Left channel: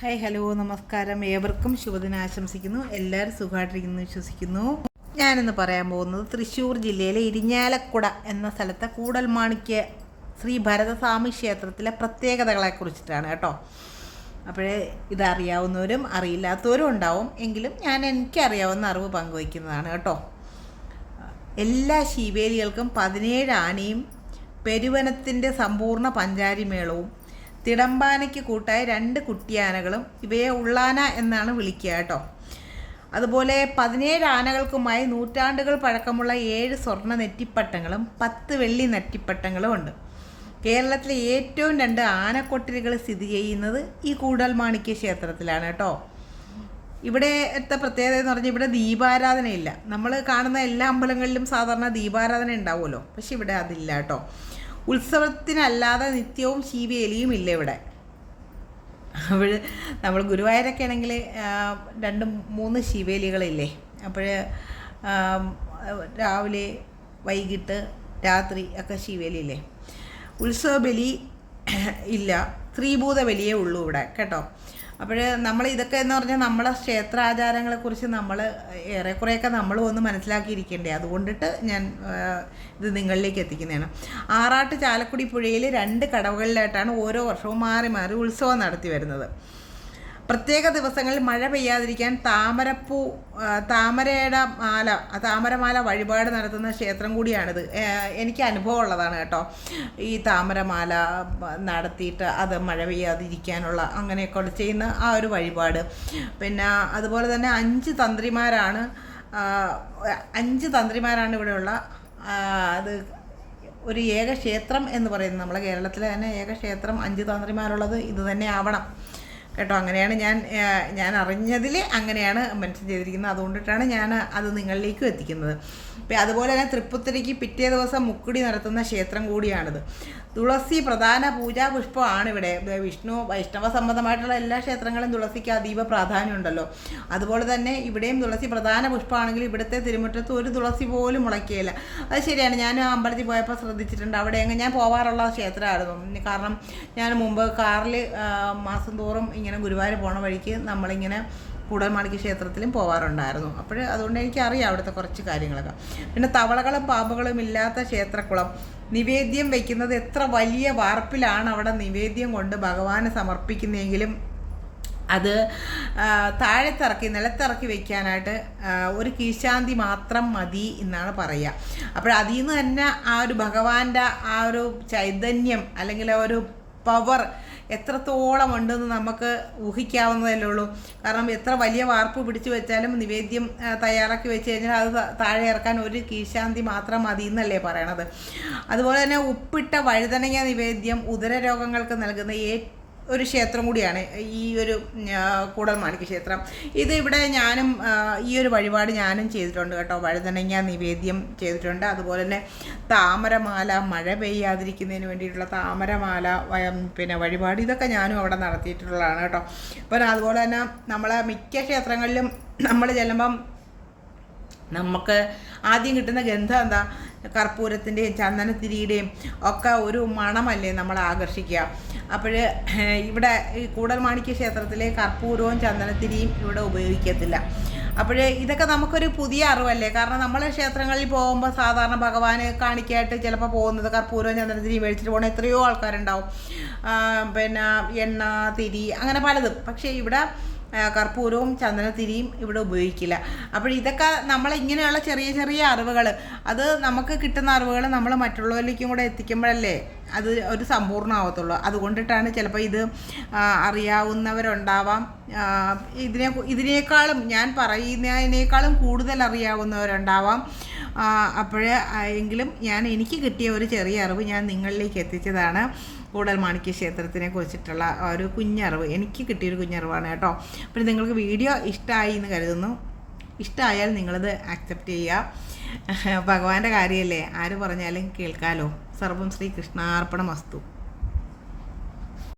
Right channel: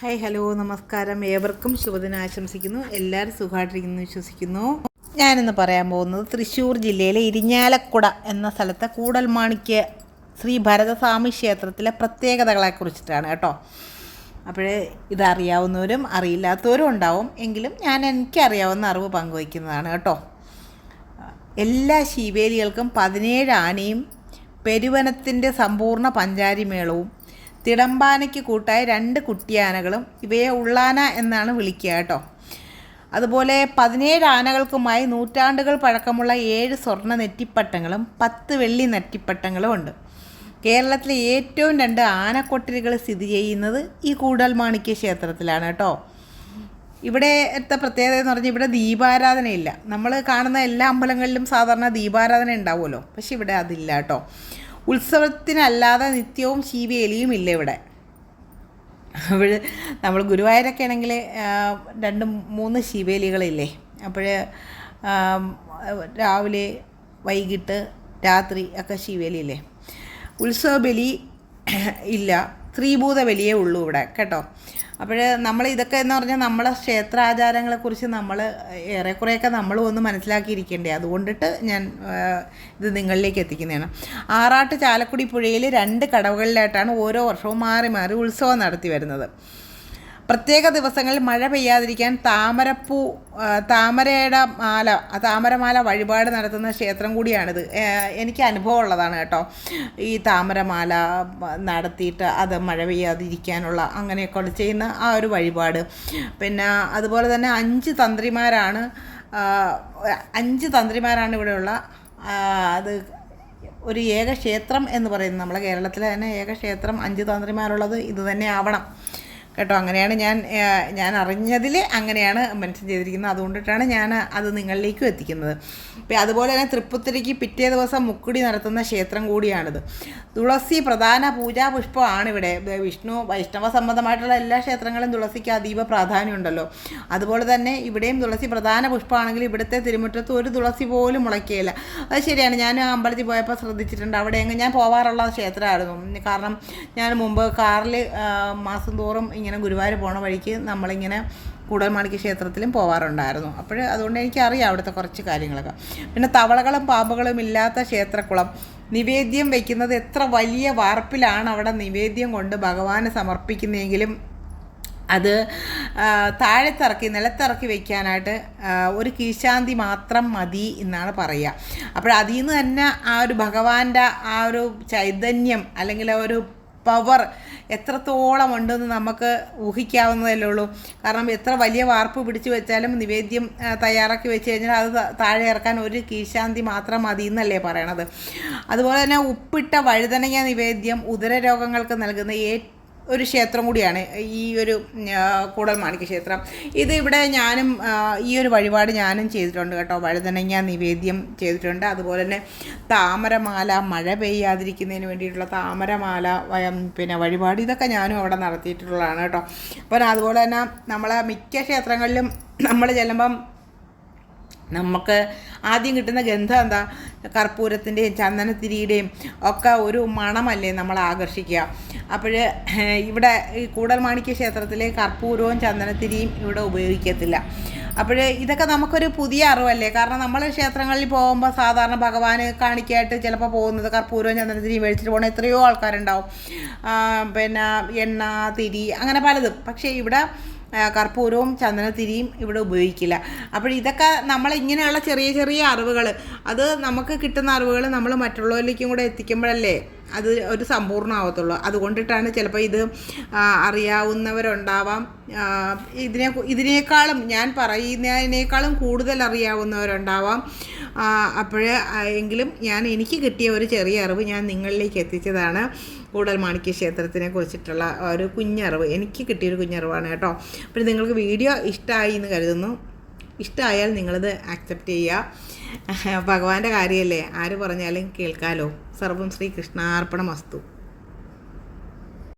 Hi hello നമസ്കാരം. ഏവർക്കും ശുഭദിനം ആശംസിക്കുന്നു. എല്ലാവരും സുഖമായിട്ടിരിക്കുന്നു വിശ്വസിക്കുന്നു. ഞാനിന്ന് പറയാൻ പോകുന്നത് തൃശ്ശൂർ ജില്ലയിലെ ഇരിഞ്ഞാലക്കുട എന്ന സ്ഥലത്തെ കൂടൽമാണിക്യ ശ്രീ ഭരതസ്വാമി ക്ഷേത്രത്തിലെ പ്രത്യേകതകളെക്കുറിച്ചിട്ടാണ് കേട്ടോ. അപ്പോഴേ ഇതറിയാവുന്നവരും അറിയില്ലാത്തവരും ഉണ്ടാവും. എങ്കിലും എനിക്കറിയാവുന്ന അറിവ് പങ്കുവയ്ക്കുന്നതാണ് കേട്ടോ. എല്ലാ ശീവേലികൾക്കും 17 ആനയും പെരുവനത്തിൻ്റെ സമ്പൂർണ്ണ പഞ്ചാരിമേളവും തിടമ്പാനയ്ക്ക് കൂട്ടായ 2 കുട്ടിയാനകളും ഇവയെ ഉള്ളാന എന്നാണ് വിളിക്കുക കേട്ടോ. അതുപോലെ 17 ആനകൾക്കുമായി നൂറ്റാണ്ടുകൾ പഴക്കമുള്ള 7 സ്വർണ്ണ നെറ്റിപ്പട്ടങ്ങളും 10 വെള്ളി നെറ്റിപ്പട്ടങ്ങളും ഉണ്ട്. കേരളത്തിലെ ഏറ്റവും 2 ആനക്കൊട്ടിലുകൾ സ്ഥിതി ചെയ്യുന്നത് ഈ കൂടൽമാണിക്യ ക്ഷേത്രത്തിലാണ് കേട്ടോ. ഇവിടുത്തെ പ്രത്യേകത എന്ന് പറഞ്ഞാൽ ഇവിടെ ദീപാരാധനയില്ല. നമ്മൾ കാണുന്ന എല്ലാ അമ്പലങ്ങളിലും സാധാരണ ദീപാരാധന ഉണ്ടാവുമല്ലോ, പക്ഷെ ഇവിടെ അതില്ല കേട്ടോ. ഉത്സവത്തിനല്ലാതെ നിത്യവും ശീവേലിയും ഇല്ല ഇവിടെ. അപ്പോൾ നമ്മൾ ഗുരുവായൂരൊക്കെ ആണെങ്കിൽ 2-3 ശീവേലികളില്ലേ. അപ്പോൾ രാവിലെ വൈകിട്ട് രാത്രി ഒക്കെ ശീവേലിയില്ലേ. ഉത്സവ ബലി ഇല്ല, സ്ത്രീഭൂത ബലിയേ ഉള്ളൂ ഇവിടെ കേട്ടോ. അപ്പോൾ നമ്മൾ ഇതൊക്കെ എന്ന് പറഞ്ഞാൽ നമ്മളെ ക്ഷേത്രാചാരങ്ങളെക്കുറിച്ച് നമ്മൾ ഏറെക്കുറെയൊക്കെ നമ്മളും ഒന്ന് മനസ്സിലാക്കിയിരിക്കേണ്ടേ. അതുകൊണ്ടിട്ട് ഞാൻ ഇത് നിങ്ങളിലേക്ക് എത്തിക്കുന്നതാണ്. ആറാട്ട് ചാലക്കുടി പുഴയിൽ 2 കടവുകളിലായിട്ടാണ് ഓരോ വർഷവും മാറി മാറി ഉത്സവം നടത്തി വരുന്നത്. പ്രത്യേക ദിവസങ്ങളിൽ മഴ പെയ്യാതിരിക്കാൻ താമരമാല വഴിപാട് നടത്തുന്ന ക്ഷേത്രം കൂടിയാണിത്. എനിക്ക് അനുഭവം ഉള്ളതാണ് കേട്ടോ. ഈ താമരമാല നടത്തിയിട്ട് അത് മഴ പെയ്യാതിരിക്കാനുള്ള അങ്ങനെയൊക്കെ ചെയ്യുന്ന ആ ഒരു വഴിപാട്. പിന്നെ അതുപോലെ തന്നെ 5 തന്ത്രിമാരാണ് ഇവിടെയുള്ള അത് ഒരു ഏക ക്ഷേത്രം എന്ന് പറയുന്നത്. നമ്മളെ കേരളത്തിലെ തന്നെ ഏക ക്ഷേത്രം 5 തന്ത്രിമാരുള്ളത് ഇത് തന്നെ ആവണം കേട്ടോ. അങ്ങനെയാണ് ഞാൻ അറിഞ്ഞതിൽ അങ്ങനെയാണ് മെൻഷൻ ചെയ്തിരിക്കുന്നത്. അതുകൊണ്ടിട്ടാണ് ഞാൻ അത് നിങ്ങളിലേക്കും എത്തിക്കുന്നത്. അതുപോലെ തന്നെ തൃപ്പുത്തിരിക്ക് പിറ്റേ ദിവസം മുക്കുടി നടത്തുന്ന ക്ഷേത്രം കൂടിയാണിത്. തുളസി പ്രധാന പൂജാ പുഷ്പമാണ് ഇവിടെ. വൈഷ്ണവ സംബന്ധമായിട്ടുള്ള എല്ലാ ക്ഷേത്രങ്ങളും തുളസിക്ക് അതീവ പ്രാധാന്യമുണ്ടല്ലോ. അതുപോലെ തന്നെ ഇവിടെയും തുളസി പ്രധാന പുഷ്പമാണെങ്കിൽ ഇവിടുത്തെ തിരുമുറ്റത്ത് ഒരു തുളസി പോലും മുളയ്ക്കുകയില്ല. അത് ശരിയാണ്. ഞാൻ ആ അമ്പലത്തിൽ പോയപ്പോൾ ശ്രദ്ധിച്ചിട്ടുണ്ട്. അവിടെ ഞാൻ പോവാറുള്ള ക്ഷേത്രമായിരുന്നു. കാരണം ഞാൻ മുമ്പ് കാറിൽ മാസം തോറും ഇങ്ങനെ ഗുരുവായൂർ പോണ വഴിക്ക് നമ്മളിങ്ങനെ കൂടൽമാണിക്യ ക്ഷേത്രത്തിലും പോവാറുണ്ടായിരുന്നു. അപ്പോൾ അതുകൊണ്ട് എനിക്കറിയാം അവിടുത്തെ കുറച്ച് കാര്യങ്ങളൊക്കെ. പിന്നെ തവളകളും പാമ്പുകളും ഇല്ലാത്ത ക്ഷേത്രക്കുളം. നിവേദ്യം വയ്ക്കുന്നത് എത്ര വലിയ വാർപ്പിലാണ് അവിടെ നിവേദ്യം കൊണ്ട് ഭഗവാന് സമർപ്പിക്കുന്നതെങ്കിലും അത് നിലത്തിറക്കി വയ്ക്കാനായിട്ട് ഒരു കീഴ്ശാന്തി മാത്രം മതി എന്നാണ് പറയുക. അപ്പോൾ അതിൽ നിന്ന് തന്നെ ആ ഒരു ഭഗവാന്റെ ആ ഒരു ചൈതന്യം അല്ലെങ്കിൽ ആ ഒരു പവർ എത്രത്തോളം ഉണ്ടെന്ന് നമുക്ക് ഊഹിക്കാവുന്നതല്ലേ ഉള്ളൂ. കാരണം എത്ര വലിയ വാർപ്പ് പിടിച്ചു വെച്ചാലും നിവേദ്യം തയ്യാറാക്കി വെച്ച് കഴിഞ്ഞാൽ അത് താഴെ ഇറക്കാൻ ഒരു കീഴ്ശാന്തി മാത്രം മതി എന്നല്ലേ പറയണത്. അതുപോലെ തന്നെ ഉപ്പിട്ട വഴുതനങ്ങ നിവേദ്യം ഉദരരോഗങ്ങൾക്ക് നൽകുന്ന ഒരു ക്ഷേത്രം കൂടിയാണ് ഈ ഒരു കൂടൽമാണിക്യ ക്ഷേത്രം. ഇത് ഇവിടെ ഞാനും ഈ ഒരു വഴിപാട് ഞാനും ചെയ്തിട്ടുണ്ട് കേട്ടോ. വഴുതനങ്ങ നിവേദ്യം ചെയ്തിട്ടുണ്ട്. അതുപോലെ തന്നെ താമരമാല മഴ പെയ്യാതിരിക്കുന്നതിന് വേണ്ടിയിട്ടുള്ള താമരമാല പിന്നെ വഴിപാട് ഇതൊക്കെ ഞാനും അവിടെ നടത്തിയിട്ടുള്ളതാണ് കേട്ടോ. അപ്പോൾ അതുപോലെ തന്നെ നമ്മളെ മിക്ക ക്ഷേത്രങ്ങളിലും നമ്മൾ ചെല്ലുമ്പം നമുക്ക് ആദ്യം കിട്ടുന്ന ഗന്ധം എന്താ? കർപ്പൂരത്തിൻ്റെയും ചന്ദനത്തിരിയുടെയും ഒക്കെ ഒരു മണമല്ലേ നമ്മളെ ആകർഷിക്കുക. അപ്പോൾ ഇവിടെ ഈ കൂടൽമാണിക്യ ക്ഷേത്രത്തിൽ കർപ്പൂരവും ചന്ദനത്തിരിയും ഇവിടെ ഉപയോഗിക്കത്തില്ല. അപ്പോൾ ഇതൊക്കെ നമുക്കൊരു പുതിയ അറിവല്ലേ. കാരണം നമ്മൾ ക്ഷേത്രങ്ങളിൽ പോകുമ്പോൾ സാധാരണ ഭഗവാന് കാണിക്കായിട്ട് ചിലപ്പോൾ പോകുന്നത് കർപ്പൂരവും ചന്ദനത്തിരിയും മേടിച്ചിട്ട് പോകുന്ന എത്രയോ ആൾക്കാരുണ്ടാവും. പിന്നെ എണ്ണ, തിരി അങ്ങനെ പലതും. പക്ഷേ ഇവിടെ കർപ്പൂരവും ചന്ദനത്തിരിയും ഇവിടെ ഉപയോഗിക്കില്ല. അപ്പോൾ ഇതൊക്കെ ഇങ്ങനെയുള്ള ചെറിയ ചെറിയ അറിവുകൾ, അത് നമുക്ക് കിട്ടുന്ന അറിവുകൾ നമ്മൾ മറ്റുള്ളവരിലേക്കും കൂടെ എത്തിക്കുമ്പോഴല്ലേ അത് ഒരു സമ്പൂർണ്ണമാവത്തുള്ളൂ. അതുകൊണ്ടിട്ടാണ് ചിലപ്പോൾ ഇത് അറിയാവുന്നവരുണ്ടാവാം. ഇതിനേക്കാളും ഞാൻ പറയുന്നതിനേക്കാളും കൂടുതൽ അറിയാവുന്നവരുണ്ടാവാം. എങ്കിലും എനിക്ക് കിട്ടിയ ഒരു ചെറിയ അറിവ് ഞാൻ നിങ്ങളിലേക്ക് എത്തിച്ചതാണ്. കൂടൽമാണിക്യ ക്ഷേത്രത്തിനെ കുറിച്ചിട്ടുള്ള ഒരു കുഞ്ഞറിവ്, എനിക്ക് കിട്ടിയൊരു കുഞ്ഞറിവാണ് കേട്ടോ. അപ്പോൾ നിങ്ങൾക്ക് വീഡിയോ ഇഷ്ടമായി എന്ന് കരുതുന്നു. ഇഷ്ടമായാൽ നിങ്ങളത് ആക്സെപ്റ്റ് ചെയ്യുക. ഭഗവാന്റെ കാര്യമല്ലേ, ആര് പറഞ്ഞാലും കേൾക്കാമല്ലോ. സർവം ശ്രീ കൃഷ്ണാർപ്പണമസ്തു.